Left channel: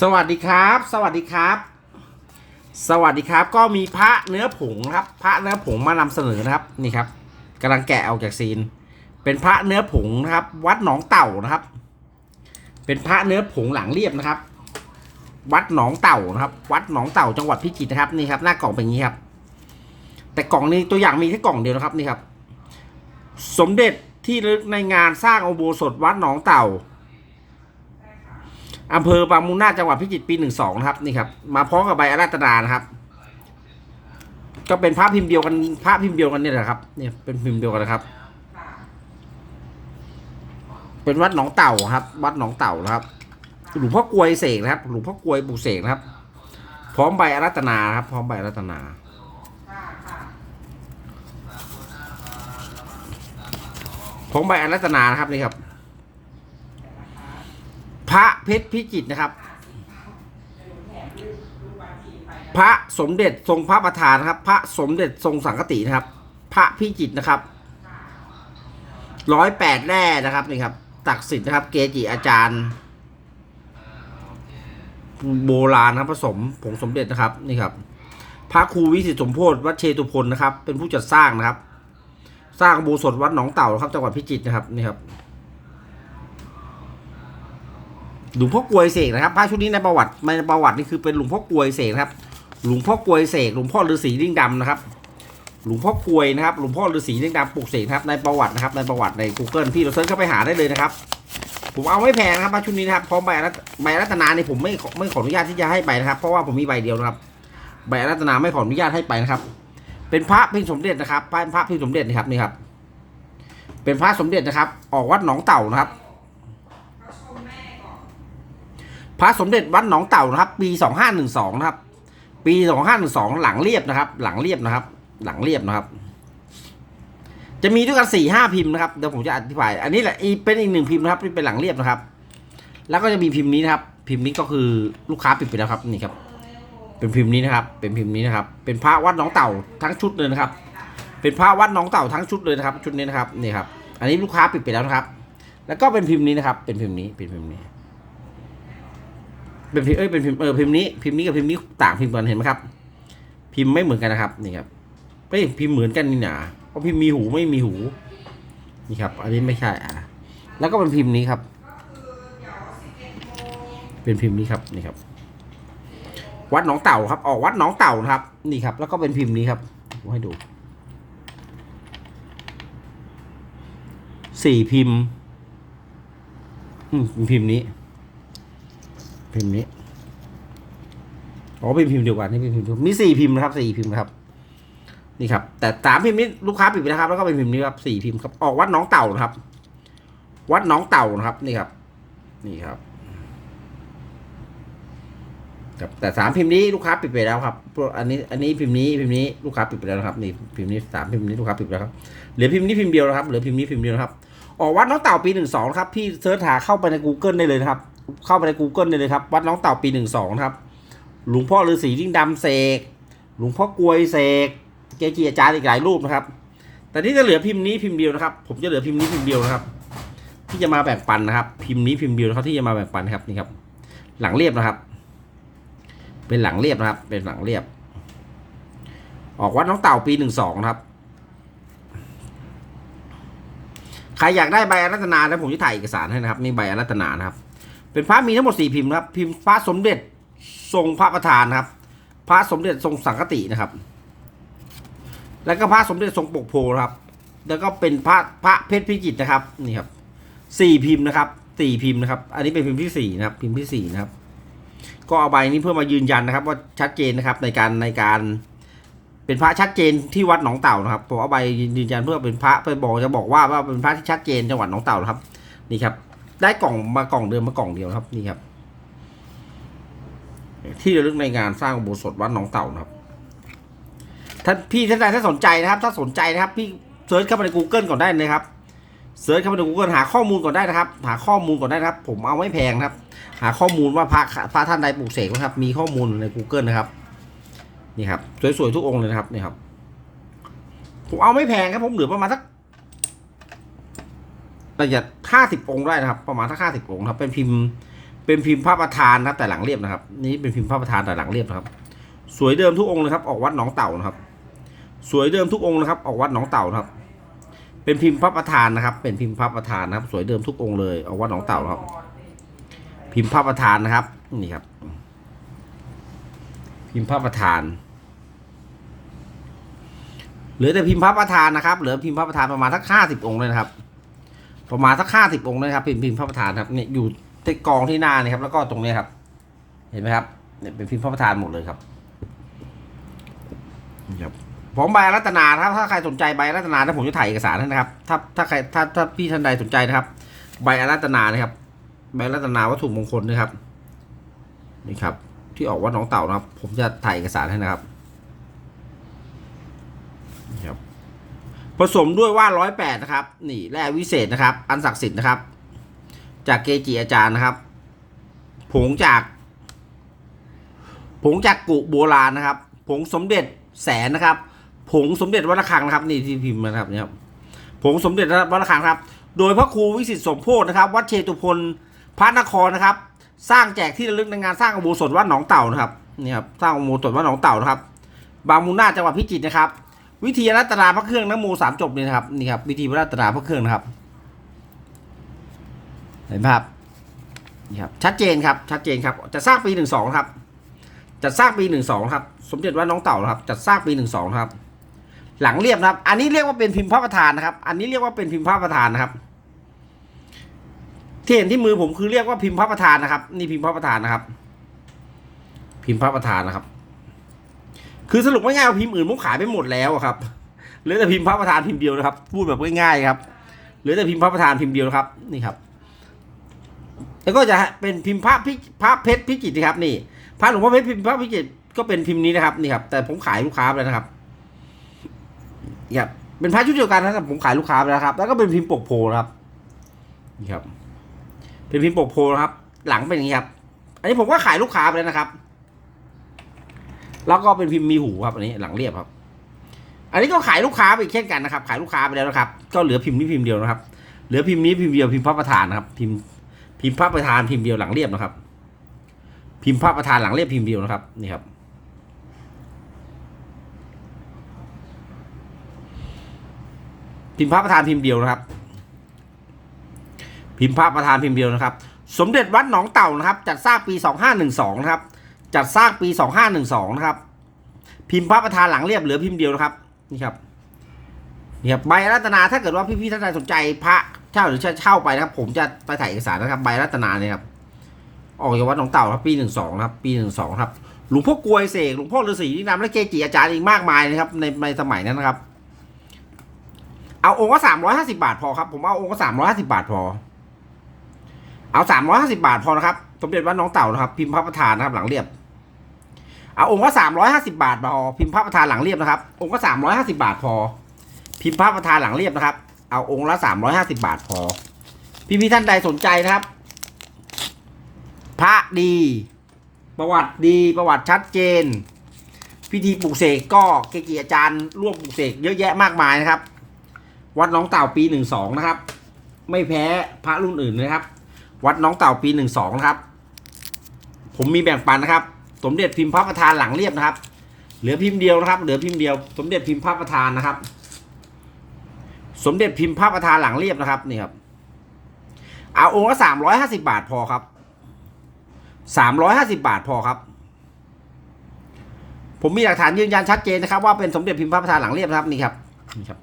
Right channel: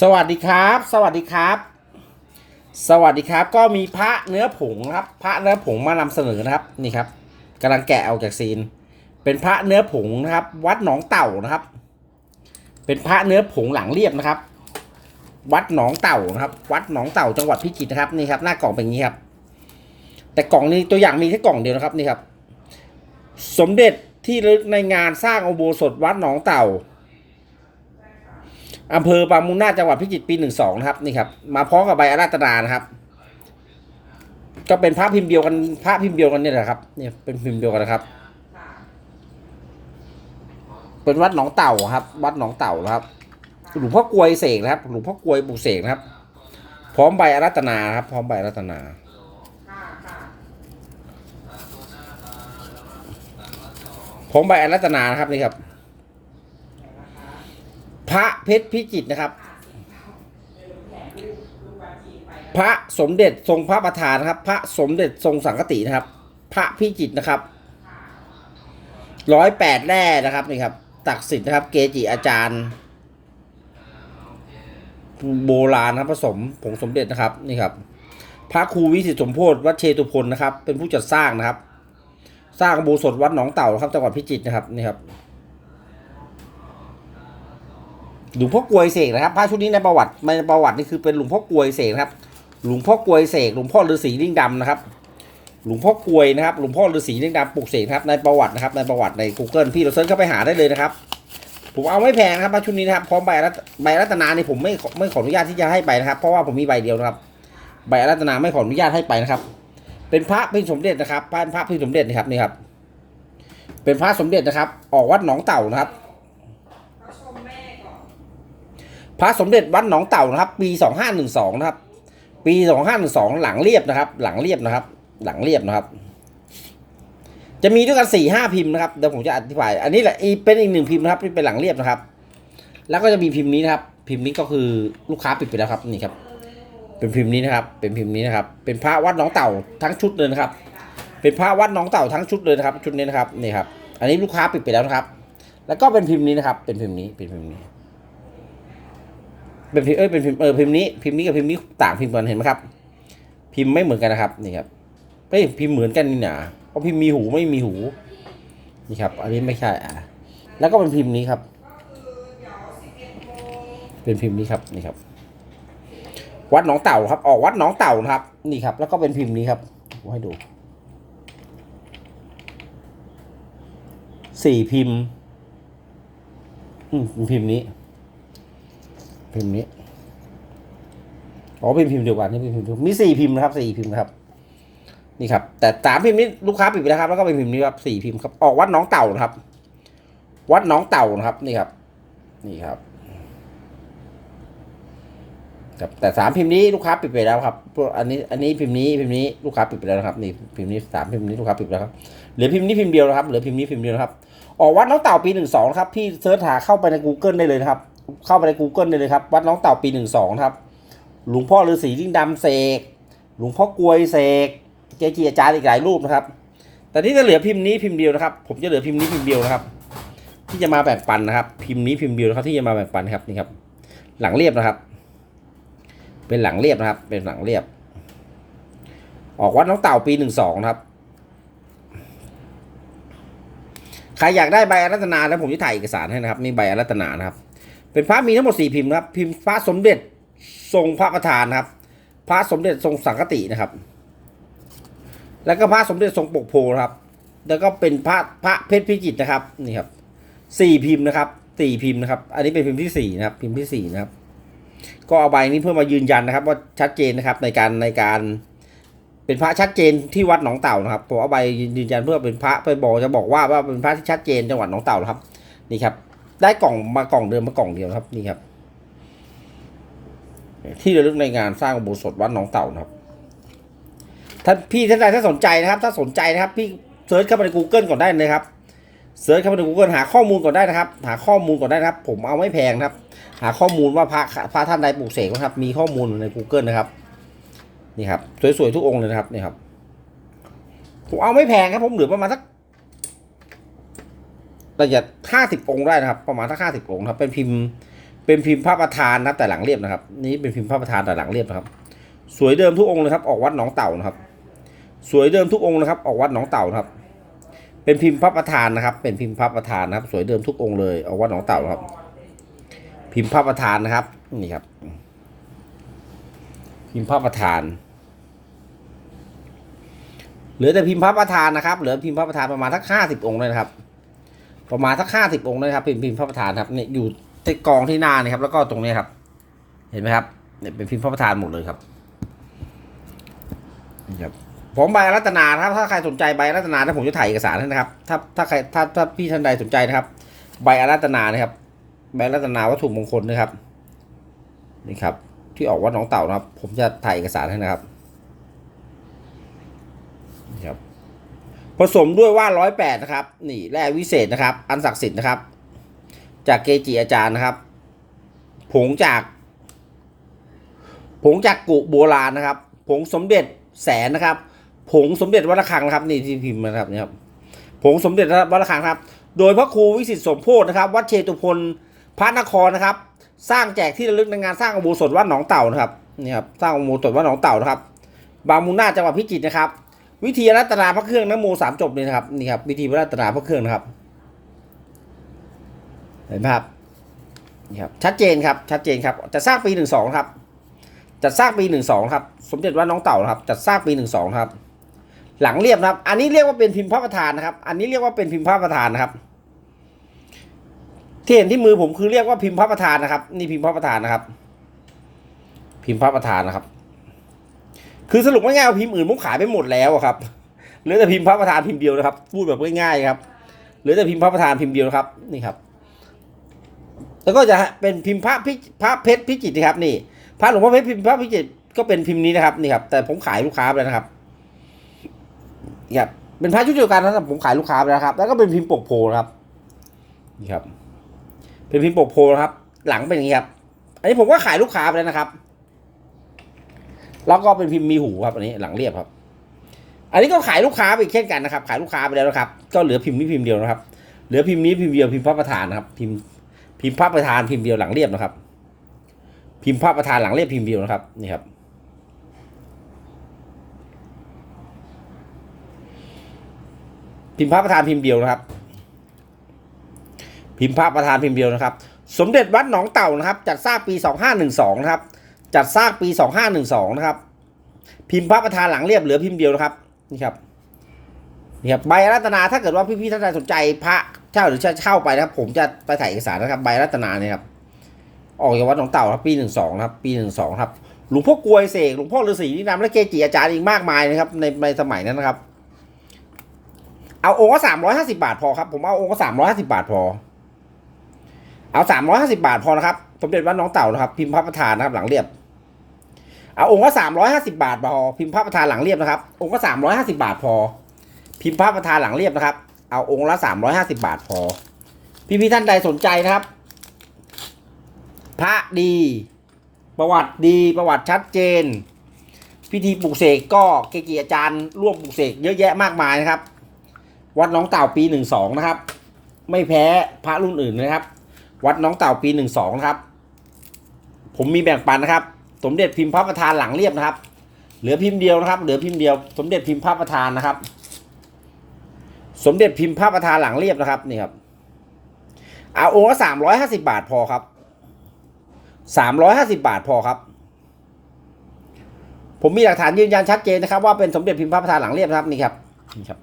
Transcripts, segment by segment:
สวัสดีครับ สวัสดีครับ สวัสดีครับ ก็มีพระเนื้อผงครับ พระเนื้อผงมานำเสนอนะครับนี่ครับกำลังแกะออกจากซีน เป็นพระเนื้อผงนะครับ วัดหนองเต่านะครับ เป็นพระเนื้อผงหลังเรียบนะครับ วัดหนองเต่านะครับ วัดหนองเต่าจังหวัดพิจิตรนะครับนี่ครับ หน้ากล่องเป็นอย่างนี้ครับ แต่กล่องนี้ตัวอย่างมีแค่กล่องเดียวนะครับนี่ครับ สมเด็จที่ลึกในงานสร้างอุโบสถวัดหนองเต่า อำเภอบางมุงนาจังหวัดพิจิตรปีหนึ่งสองนะครับนี่ครับ มาพร้อมกับใบอาราธนานะครับ ก็เป็นพระพิมพ์เดียวกันพระพิมพ์เดียวกันเนี่ยแหละครับเนี่ยเป็นพิมพ์เดียวกันนะครับ เป็นวัดหนองเต่าครับ วัดหนองเต่านะครับหลวงพ่อกลวยเสกนะครับหลวงพ่อกลวยปลูกเสกนะครับ พร้อมใบอารัตนาครับ พร้อมใบอารัตนาพร้อมใบอารัตนานะครับนี่ครับ ระเพชรพิจิตนะครับ พระสมเด็จทรงพระประธานนะครับ พระสมเด็จทรงสังฆตินะครับ พระพิจิตนะครับร้อยแปดแร่นะครับนี่ครับ ตักสิทธิ์นะครับ เกจิอาจารย์ โบราณนะครับผสมผงสมเด็จนะครับนี่ครับ พระครูวิสิตสมโพธิวัดเชตุพนนะครับ เป็นผู้จัดสร้างนะครับ สร้างโบสถวัดหนองเต่านะครับจังหวัดพิจิตรนะครับนี่ครับ หลวงพ่อกลวยเสกนะครับพระชุดนี้ในประวัติในประวัตินี่คือเป็นหลวงพ่อกลวยเสกนะครับ หลวงพ่อกลวยเสกหลวงพ่อฤาษีลิงดำนะครับ หลวงพ่อกลวยนะครับหลวงพ่อฤาษีลิงดำปลูกเสกครับในประวัตินะครับ ในประวัติใน Google พี่เราเซิร์ชเข้าไปหาได้เลยนะครับ ผมเอาไม่แพงนะครับพระชุดนี้นะครับพร้อมใบใบรัตนานี่ผมไม่ไม่ขออนุญาตที่จะให้ไปนะครับ เพราะว่าผมมีใบเดียวนะครับ ใบรัตนาไม่ขออนุญาตให้ไปนะครับ เป็นพระพิมพ์สมเด็จนะครับเป็นพระพิมพ์สมเด็จนะครับนี่ครับเป็นพระสมเด็จนะครับ ออกวัดหนองเต่านะครับ พระสมเด็จวัดหนองเต่านะครับ ปีสองห้าหนึ่งสองนะครับ ปีสองห้าหนึ่งสองหลังเรียบนะครับ หลังเรียบนะครับ หลังเรียบนะครับ จะมีด้วยกันสี่ห้าพิมพ์นะครับเดี๋ยวผมจะอธิบาย อันนี้แหละเป็นอีกหนึ่งพิมพ์นะครับที่เป็นหลังเรียบนะครับ แล้วก็จะมีพิมพ์นี้นะครับ พิมพ์นี้ก็คือลูกค้าปิดไปแล้วครับนี่ครับ เป็นพิมพ์นี้นะครับ เป็นพิมพ์นี้นะครับ เป็นพระวัดหนองเต่าทั้งชุดเลยนะครับ เป็นพระวัดหนองเต่าทั้งชุดเลยนะครับ ชุดนี้นะครับนี่ครับ อันนี้ลูกค้าปิดไปแล้วนะครับ แล้วก็เป็นพิมพ์นี้นะครับ เป็นพิมพ์นี้เป็นพิมพ์นี้ เป็นพิมพ์เอ้ยเป็นพิมพ์เออพิมพ์นี้พิมพ์นี้กับพิมพ์นี้ต่างพิมพ์กันเห็นไหมครับ พิมพ์ไม่เหมือนกันนะครับนี่ครับเอ้ยพิมพ์เหมือนกันนี่หนาเพราะพิมพ์มีหูไม่มีหูนี่ครับ อันนี้ไม่ใช่อะแล้วก็เป็นพิมพ์นี้ครับ เป็นพิมพ์นี้ครับนี่ครับ วัดหนองเต่าครับ ออกวัดหนองเต่านะครับ นี่ครับ แล้วก็เป็นพิมพ์นี้ครับผมให้ดูสี่พิมพ์ อืมพิมพ์นี้ พิมพ์นี้อ๋อเป็นพิมพ์เดียวกันนี่พิมพ์เดียวมีสี่พิมพ์นะครับสี่พิมพ์นะครับ นี่ครับ แต่สามพิมพ์นี้ลูกค้าปิดไปแล้วครับ แล้วก็เป็นพิมพ์นี้ครับสี่พิมพ์ครับออกวัดน้องเต่านะครับ วัดน้องเต่านะครับ นี่ครับ นี่ครับครับแต่สามพิมพ์นี้ลูกค้าปิดไปแล้วครับอันนี้อันนี้พิมพ์นี้พิมพ์นี้ลูกค้าปิดไปแล้วนะครับนี่พิมพ์นี้สามพิมพ์นี้ลูกค้าปิดไปแล้วครับเหลือพิมพ์นี้พิมพ์เดียวนะครับเหลือพิมพ์นี้พิมพ์เดียวนะครับออกวัดน้องเต่าปีหนึ่งสองครับพี่เสิร์ชหาเข้าไปใน Google ได้เลยนะครับ เข้าไปใน Google เลยครับ วัดน้องเต่าปีหนึ่งสองครับ หลวงพ่อฤาษีลิงดำเสก หลวงพ่อกลวยเสก เกจิอาจารย์อีกหลายรูปนะครับแต่นี่จะเหลือพิมพ์นี้พิมพ์เดียวนะครับ ผมจะเหลือพิมพ์นี้พิมพ์เดียวนะครับ ที่จะมาแบ่งปันนะครับ พิมพ์นี้พิมพ์เดียวนะครับที่จะมาแบ่งปันครับนี่ครับ หลังเรียบนะครับ เป็นหลังเรียบนะครับ เป็นหลังเรียบ ออกวัดน้องเต่าปีหนึ่งสองนะครับใครอยากได้ใบอารัตนาแล้วผมจะถ่ายเอกสารให้นะครับนี่ใบอารัตนานะครับ เป็นพระมีทั้งหมดสี่พิมพ์ครับพิมพ์พระสมเด็จทรงพระประธานครับ พระสมเด็จทรงสังฆตินะครับ แล้วก็พระสมเด็จทรงปกโพครับ แล้วก็เป็นพระพระเพชรพิจิตรนะครับนี่ครับสี่พิมพ์นะครับสี่พิมพ์นะครับ อันนี้เป็นพิมพ์ที่สี่นะครับ พิมพ์ที่สี่นะครับ ก็เอาใบนี้เพื่อมายืนยันนะครับ ว่าชัดเจนนะครับในการในการ เป็นพระชัดเจนที่วัดหนองเต่านะครับผมเอาใบยืนยันเพื่อเป็นพระไปบอกจะบอกว่าว่าเป็นพระที่ชัดเจนจังหวัดหนองเต่านะครับ นี่ครับ ได้กล่องมากล่องเดิมมากล่องเดียวครับนี่ครับ ที่ระลึกในงานสร้างอุโบสถวัดหนองเต่านะครับท่านพี่ท่านใดถ้าสนใจนะครับ ถ้าสนใจนะครับ พี่เซิร์ชเข้าไปใน Google ก่อนได้เลยครับเซิร์ชเข้าไปใน Google หาข้อมูลก่อนได้นะครับ หาข้อมูลก่อนได้นะครับ ผมเอาไม่แพงนะครับ หาข้อมูลว่าพระพระท่านใดปลูกเสกนะครับ มีข้อมูลใน Google นะครับนี่ครับสวยๆทุกองค์เลยนะครับนี่ครับผมเอาไม่แพงครับผมเหลือประมาณสัก ประหยัดห้าสิบองค์ได้นะครับ ประมาณสักห้าสิบองค์ครับ เป็นพิมพ์ เป็นพิมพ์พระประธานนะครับแต่หลังเรียบนะครับ นี่เป็นพิมพ์พระประธานแต่หลังเรียบนะครับ สวยเดิมทุกองค์เลยครับ ออกวัดหนองเต่านะครับ สวยเดิมทุกองค์นะครับ ออกวัดหนองเต่านะครับ เป็นพิมพ์พระประธานนะครับ เป็นพิมพ์พระประธานนะครับ สวยเดิมทุกองค์เลย ออกวัดหนองเต่านะครับ พิมพ์พระประธานนะครับ นี่ครับ พิมพ์พระประธานเหลือแต่พิมพ์พระประธานนะครับ เหลือพิมพ์พระประธานประมาณสักห้าสิบองค์เลยนะครับ ประมาณสักห้าสิบองค์เลยครับเป็นพิมพ์พระประธานครับเนี่ยอยู่ที่กองที่หน้านี่ครับ แล้วก็ตรงนี้ครับ เห็นไหมครับเนี่ยเป็นพิมพ์พระประธานหมดเลยครับนี่ครับผมใบรัตนานะครับถ้าใครสนใจใบรัตนาถ้าผมจะถ่ายเอกสารให้นะครับ ถ้าถ้าใครถ้าถ้าพี่ท่านใดสนใจนะครับ ใบอารัตนานะครับ ใบรัตนาวัตถุมงคลนะครับนี่ครับ ที่ออกวัดหนองเต่านะครับ ผมจะถ่ายเอกสารให้นะครับนี่ครับ ผสมด้วยว่าร้อยแปดนะครับ นี่แร่วิเศษนะครับ อันศักดิ์สิทธิ์นะครับ จากเกจิอาจารย์นะครับ ผงจาก ผงจากกุโบราณนะครับ ผงสมเด็จแสนนะครับ ผงสมเด็จวัดระฆังนะครับ นี่ที่พิมพ์นะครับนี่ครับ ผงสมเด็จวัดระฆังครับ โดยพระครูวิสิตสมโพธนะครับ วัดเชตุพนพระนครนะครับ สร้างแจกที่ระลึกในงานสร้างอุโบสถวัดหนองเต่านะครับ นี่ครับ สร้างอุโบสถวัดหนองเต่านะครับ บางมูลนาจังหวัดพิจิตรนะครับ วิธีรัตนาพระเครื่องน้ำโมสามจบเลยนะครับนี่ครับ วิธีรัตนาพระเครื่องนะครับ เห็นภาพนี่ครับชัดเจนครับ ชัดเจนครับจะสร้างปีหนึ่งสองครับจัดสร้างปีหนึ่งสองครับ สมเด็จวัดน้องเต่าครับ จัดสร้างปีหนึ่งสองครับ หลังเรียบนะครับ อันนี้เรียกว่าเป็นพิมพ์พระประธานนะครับ อันนี้เรียกว่าเป็นพิมพ์พระประธานนะครับ ที่เห็นที่มือผมคือเรียกว่าพิมพ์พระประธานนะครับ นี่พิมพ์พระประธานนะครับ พิมพ์พระประธานนะครับ คือสรุปง่ายๆว่าพิมพ์อื่นผมขายไปหมดแล้วอะครับเหลือแต่พิมพ์พระประธานพิมพ์เดียวนะครับ พูดแบบง่ายๆครับเหลือแต่พิมพ์พระประธานพิมพ์เดียวนะครับนี่ครับ แล้วก็จะเป็นพิมพ์พระพิพระเพชรพิจิตรนะครับ นี่พระหลวงพ่อเพชรพิมพ์พระพิจิตรก็เป็นพิมพ์นี้นะครับนี่ครับ แต่ผมขายลูกค้าไปแล้วนะครับนี่ครับเป็นพระชุดเดียวกันนะครับผมขายลูกค้าไปแล้วครับ แล้วก็เป็นพิมพ์ปกโพนครับนี่ครับ เป็นพิมพ์ปกโพนะครับ หลังเป็นอย่างนี้ครับ อันนี้ผมก็ขายลูกค้าไปแล้วนะครับ แล้วก็เป็นพิมพ์มีหูครับอันนี้หลังเรียบครับ อันนี้ก็ขายลูกค้าไปเช่นกันนะครับ ขายลูกค้าไปแล้วนะครับ ก็เหลือพิมพ์นี้พิมพ์เดียวนะครับ เหลือพิมพ์นี้พิมพ์เดียวพิมพ์พระประธานนะครับ พิมพ์พิมพ์พระประธานพิมพ์เดียวหลังเรียบนะครับ พิมพ์พระประธานหลังเรียบพิมพ์เดียวนะครับนี่ครับพิมพ์พระประธานพิมพ์เดียวนะครับ พิมพ์พระประธานพิมพ์เดียวนะครับ สมเด็จวัดหนองเต่านะครับจัดสร้างปีสองห้าหนึ่งสองนะครับ จัดสร้างปีสองห้าหนึ่งสองนะครับ พิมพ์พระประธานหลังเรียบเหลือพิมพ์เดียวนะครับ นี่ครับนี่ครับใบรัตนาถ้าเกิดว่าพี่ๆท่านใดสนใจพระเช่าหรือเช่าไปนะครับ ผมจะไปถ่ายเอกสารนะครับ ใบรัตนาเนี่ยครับออกจากวัดหนองเต่าครับปีหนึ่งสองครับปีหนึ่งสองครับหลวงพ่อกลวยเสกหลวงพ่อฤาษีนินามและเกจิอาจารย์อีกมากมายนะครับ ในในสมัยนั้นนะครับ เอาองค์ละสามร้อยห้าสิบาทพอครับ ผมเอาองค์ละสามร้อยห้าสิบาทพอ เอาสามร้อยห้าสิบาทพอนะครับสมเด็จวัดน้องเต่านะครับ พิมพ์พระประธานนะครับ หลังเรียบ เอาองค์ละสามร้อยห้าสิบาทพอพิมพ์พระประธานหลังเรียบนะครับ องค์ละสามร้อยห้าสิบาทพอ พิมพ์พระประธานหลังเรียบนะครับ เอาองค์ละสามร้อยห้าสิบาทพอ พี่พี่ๆท่านใดสนใจนะครับ พระดี ประวัติดีประวัติชัดเจน พิธีปลูกเสกก็เกจิอาจารย์ร่วมปลูกเสกเยอะแยะมากมายนะครับ วัดน้องเต่าปีหนึ่งสองนะครับ ไม่แพ้พระรุ่นอื่นนะครับ วัดน้องเต่าปีหนึ่งสองนะครับ ผมมีแบ่งปันนะครับ สมเด็จพิมพ์พระประธานหลังเรียบนะครับ เหลือพิมพ์เดียวนะครับ เหลือพิมพ์เดียว สมเด็จพิมพ์พระประธานนะครับ สมเด็จพิมพ์พระประธานหลังเรียบนะครับนี่ครับเอาองค์ละสามร้อยห้าสิบาทพอครับสามร้อยห้าสิบาทพอครับ ผมมีหลักฐานยืนยันชัดเจนนะครับ ว่าเป็นสมเด็จพิมพ์พระประธานหลังเรียบนะครับนี่ครับนี่ครับ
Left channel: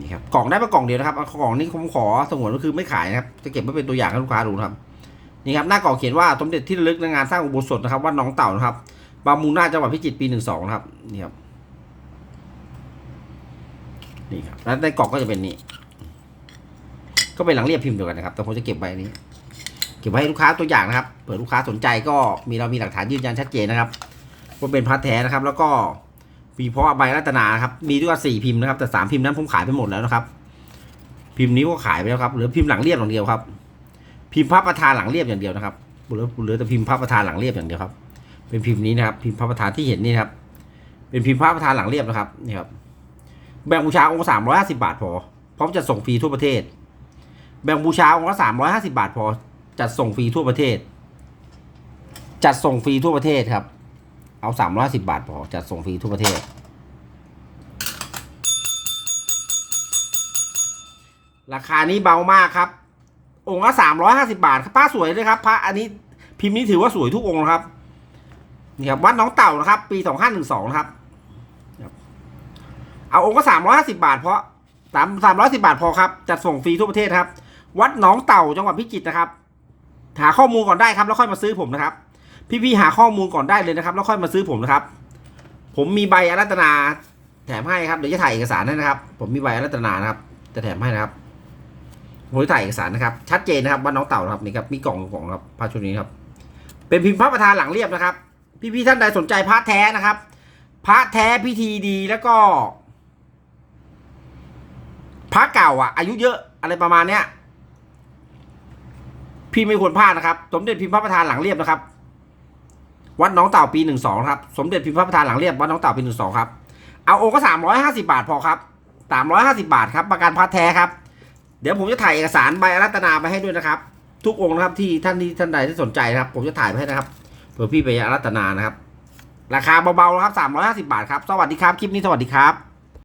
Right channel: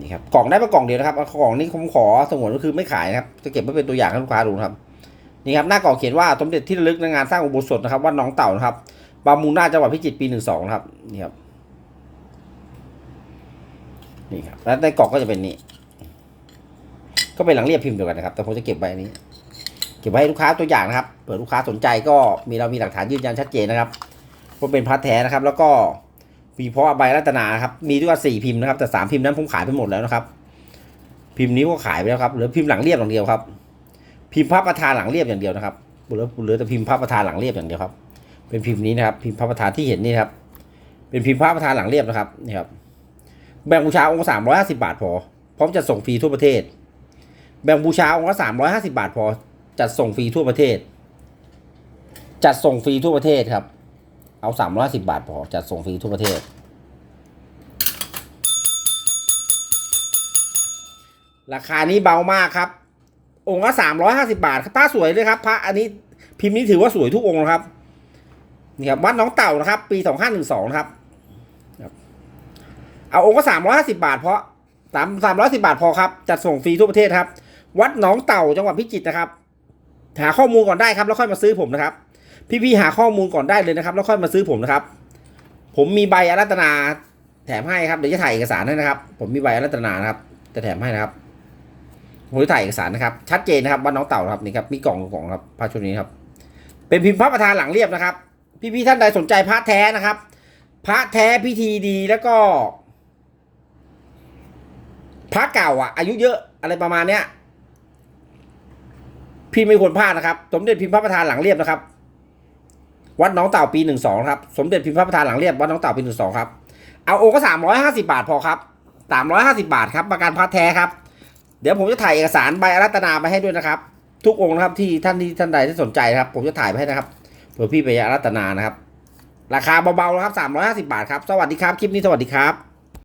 นี่ครับกล่องได้มากล่องเดียวนะครับกล่องนี้ผมขอสงวนก็คือไม่ขายนะครับจะเก็บไว้เป็นตัวอย่างให้ลูกค้าดูนะครับนี่ครับหน้ากล่องเขียนว่าสมเด็จที่ระลึกในงานสร้างอุโบสถนะครับวัดหนองเต่านะครับบางมูนาจังหวัดพิจิตรปีหนึ่งสองนะครับนี่ครับนี่ครับแล้วในกล่องก็จะเป็นนี้ ก็เป็นหลังเรียบพิมพ์เดียวกันนะครับ แต่ผมจะเก็บไว้นนี้ เก็บไว้ให้ลูกค้าตัวอย่างนะครับเผื่อลูกค้าสนใจก็มีเรามีหลักฐานยืนยันชัดเจนนะครับว่าเป็นพระแท้นะครับ แล้วก็ มีเพราะใบรัตนานะครับ มีด้วยกันสี่พิมพ์นะครับ แต่สามพิมพ์นั้นผมขายไปหมดแล้วนะครับ พิมพ์นี้ก็ขายไปแล้วครับ เหลือพิมพ์หลังเรียบอย่างเดียวครับ พิมพ์พระประธานหลังเรียบอย่างเดียวนะครับ เหลือเหลือแต่พิมพ์พระประธานหลังเรียบอย่างเดียวครับ เป็นพิมพ์นี้นะครับ พิมพ์พระประธานที่เห็นนี่ครับ เป็นพิมพ์พระประธานหลังเรียบนะครับนี่ครับ แบ่งบูชาองค์สามร้อยห้าสิบาทพอ พร้อมจะส่งฟรีทั่วประเทศ แบ่งบูชาองค์ละสามร้อยห้าสิบาทพอ จัดส่งฟรีทั่วประเทศ จัดส่งฟรีทั่วประเทศครับ เอาสามร้อยสิบาทพอจัดส่งฟรีทั่วประเทศ ราคานี้เบามากครับ องค์ละสามร้อยห้าสิบาทครับพระสวยเลยครับพระอันนี้พิมพ์นี้ถือว่าสวยทุกองค์นะครับนี่ครับวัดน้องเต่านะครับ ปีสองห้าหนึ่งสองนะครับ เอาองค์ก็สามร้อยห้าสิบาท เพราะสามสามร้อยสิบาทพอครับจัดส่งฟรีทั่วประเทศครับ วัดหนองเต่าจังหวัดพิจิตรนะครับหาข้อมูลก่อนได้ครับแล้วค่อยมาซื้อผมนะครับ พี่ๆหาข้อมูลก่อนได้เลยนะครับ แล้วค่อยมาซื้อผมนะครับ ผมมีใบอารัตนาแถมให้ครับเดี๋ยวจะถ่ายเอกสารให้นะครับ ผมมีใบอารัตนานะครับจะแถมให้นะครับผมจะถ่ายเอกสารนะครับ ชัดเจนนะครับวัดหน้องเต่าครับนี่ครับมีกล่องกล่องครับพระชุดนี้ครับเป็นพิมพ์พระประธานหลังเรียบนะครับ พี่ๆท่านใดสนใจพระแท้นะครับพระแท้พิธีดีแล้วก็พระเก่าอะ อายุเยอะอะไรประมาณเนี้ยพี่ไม่ควรพลาดนะครับ สมเด็จพิมพ์พระประธานหลังเรียบนะครับ วัดน้องเต่าปีหนึ่งสองครับ สมเด็จพิมพ์พระประธานหลังเรียบวัดน้องเต่าปีหนึ่งสองครับ เอาโอก็สามร้อยห้าสิบาทพอครับสามร้อยห้าสิบาทครับประกันพระแท้ครับ เดี๋ยวผมจะถ่ายเอกสารใบอารัตนาไปให้ด้วยนะครับ ทุกองค์นะครับที่ท่านที่ท่านใดที่สนใจนะครับ ผมจะถ่ายไปให้นะครับเผื่อพี่ไปอารัตนานะครับ ราคาเบาๆนะครับสามร้อยห้าสิบาทครับ สวัสดีครับ คลิปนี้สวัสดีครับ